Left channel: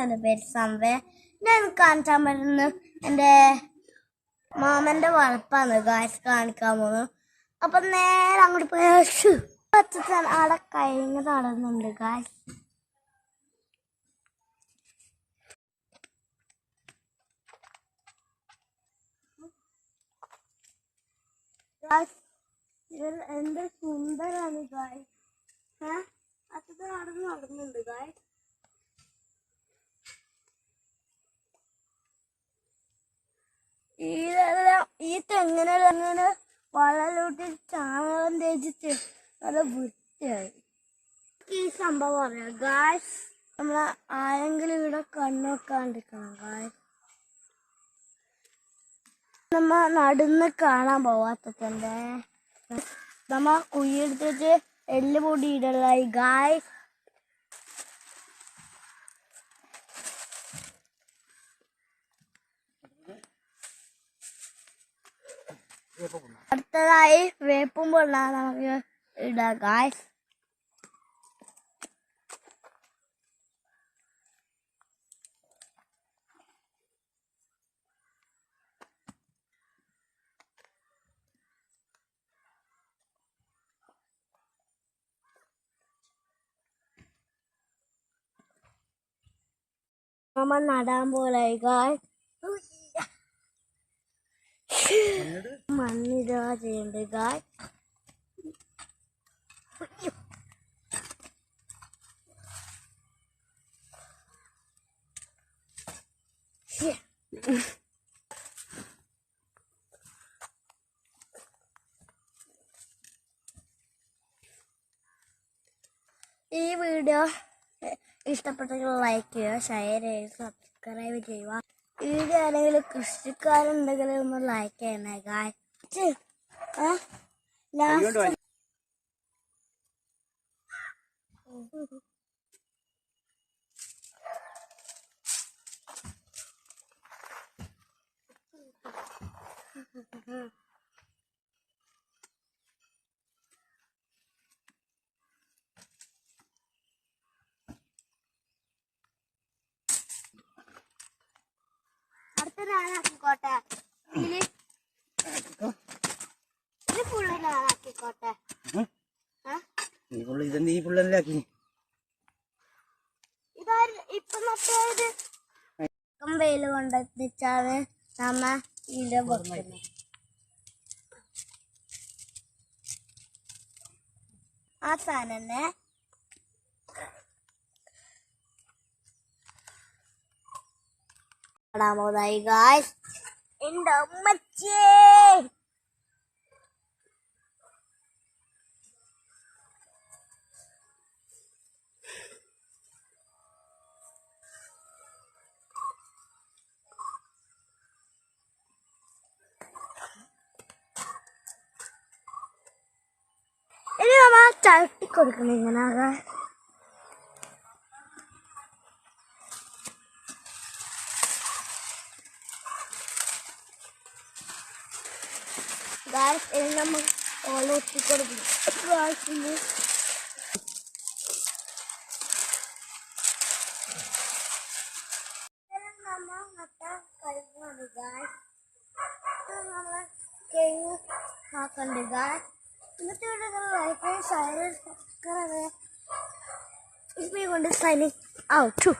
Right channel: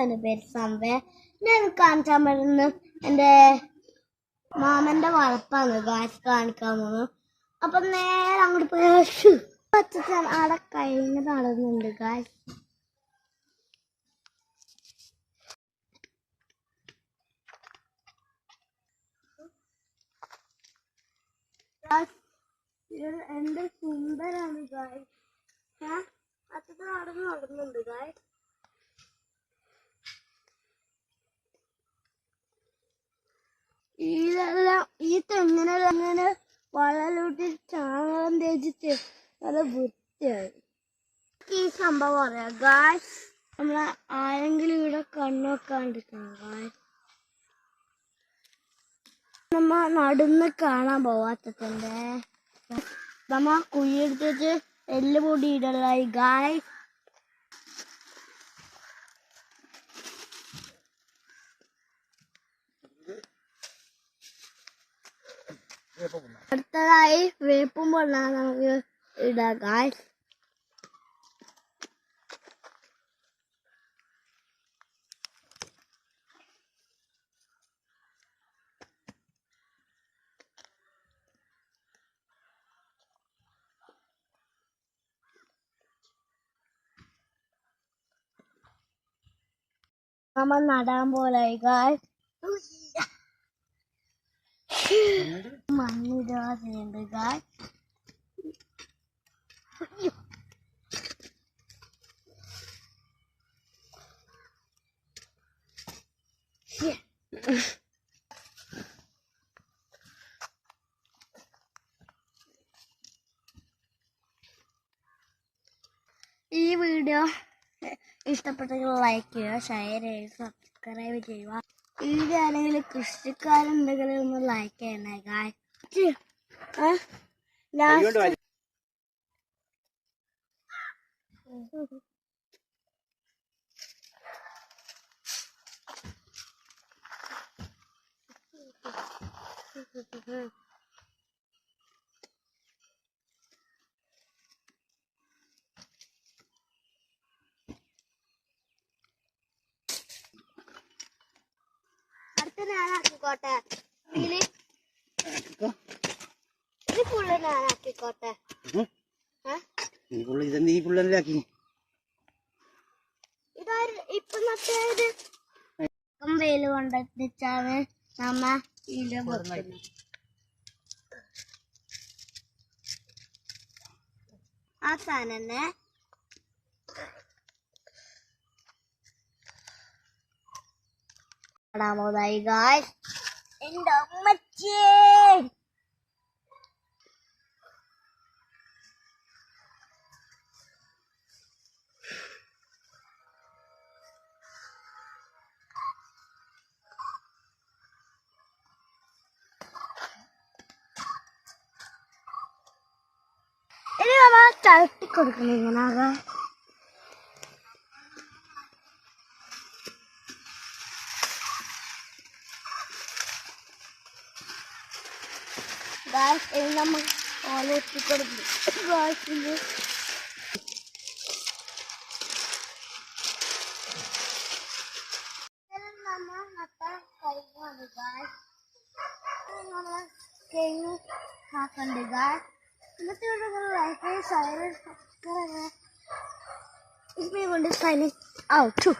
എന്റെ പേര് സംവേ. ഞാൻ കാണിക്കാൻ വരുന്ന എന്റെ മാമന്റെ വളപ്പാണ്. ഗാസ് കാണിക്കാൻ പോകുന്നു. അപ്പം നേരെ അങ്ങോട്ട് പേശു പച്ചാൻ ആടെ കഴിഞ്ഞ് തളർന്നുണ്ട് ഗാസ് എന്ത് സുന്ദരാണ് ഗായ് ഏ? അച്ഛൻ നടന്നു നടന്നുണ്ട് ഗായ് ഇതെല്ലാം ഈ തെങ്ങിനെല്ലാം വളലൂട്ടി ചാണകം തേച്ചിട്ട് നല്ല വൃത്തിയായി. ഈ സംഭവം അറിയാം ഗായ്സ് നമ്മളെ ആരെങ്കിലും ഇവിടെ കണ്ണോക്കാണ്ടിരിക്കണം ഗായ് നമ്മ നടന്ന് കാണാൻ പോവാത്തതിന്റെ. നമ്മ കുഴിയെടുത്തിട്ട് എല്ല് പൊടി ഇടലായി ഗായ് അടുത്തതായി വേപ്പും പൊണ്ണാണ് നമുക്ക് ഇടാം ഗായ് നമ്മ നടാൻ പോലായി ഗായ് മണ്ണിടാ ചെയ്യണ്ട് ഗായ്. ഈ വീഡിയോ ഇഷ്ടപ്പെട്ടെങ്കിൽ ലൈക്ക് ചെയ്യുക ഷെയർ ചെയ്യുക സബ്സ്ക്രൈബ് ചെയ്യുക. വീഡിയോ ആണെങ്കിൽ കൃഷിക്കാരുണ്ടെങ്കിൽ ഒന്ന് ലൈക്ക് ചെയ്യണേ ഗായ്. ലാസ്റ്റ് അടുത്ത ഇത് ഫുള്ള് ഞാനാക്കിക്കോട്ടെ ആ? നീ പുള്ളി ഇത് നീ പിള്ളേരിലാക്കി വെയിൽ കൊണ്ടെത്തിച്ചാണ് നമ്മ ഇതിന്റെ വെക്കുന്നത് ആ സാധനം ഇടാമോതായി ഗായ്സ് എന്റെ അമ്മച്ചേ ചവിട്ടി കൊടുക്കണം ഇങ്ങനെ ആകെ Guys, ini nama kalau kita guys ini. nama mata kayu guys. Let's do like and sign. It's me going to signing out too.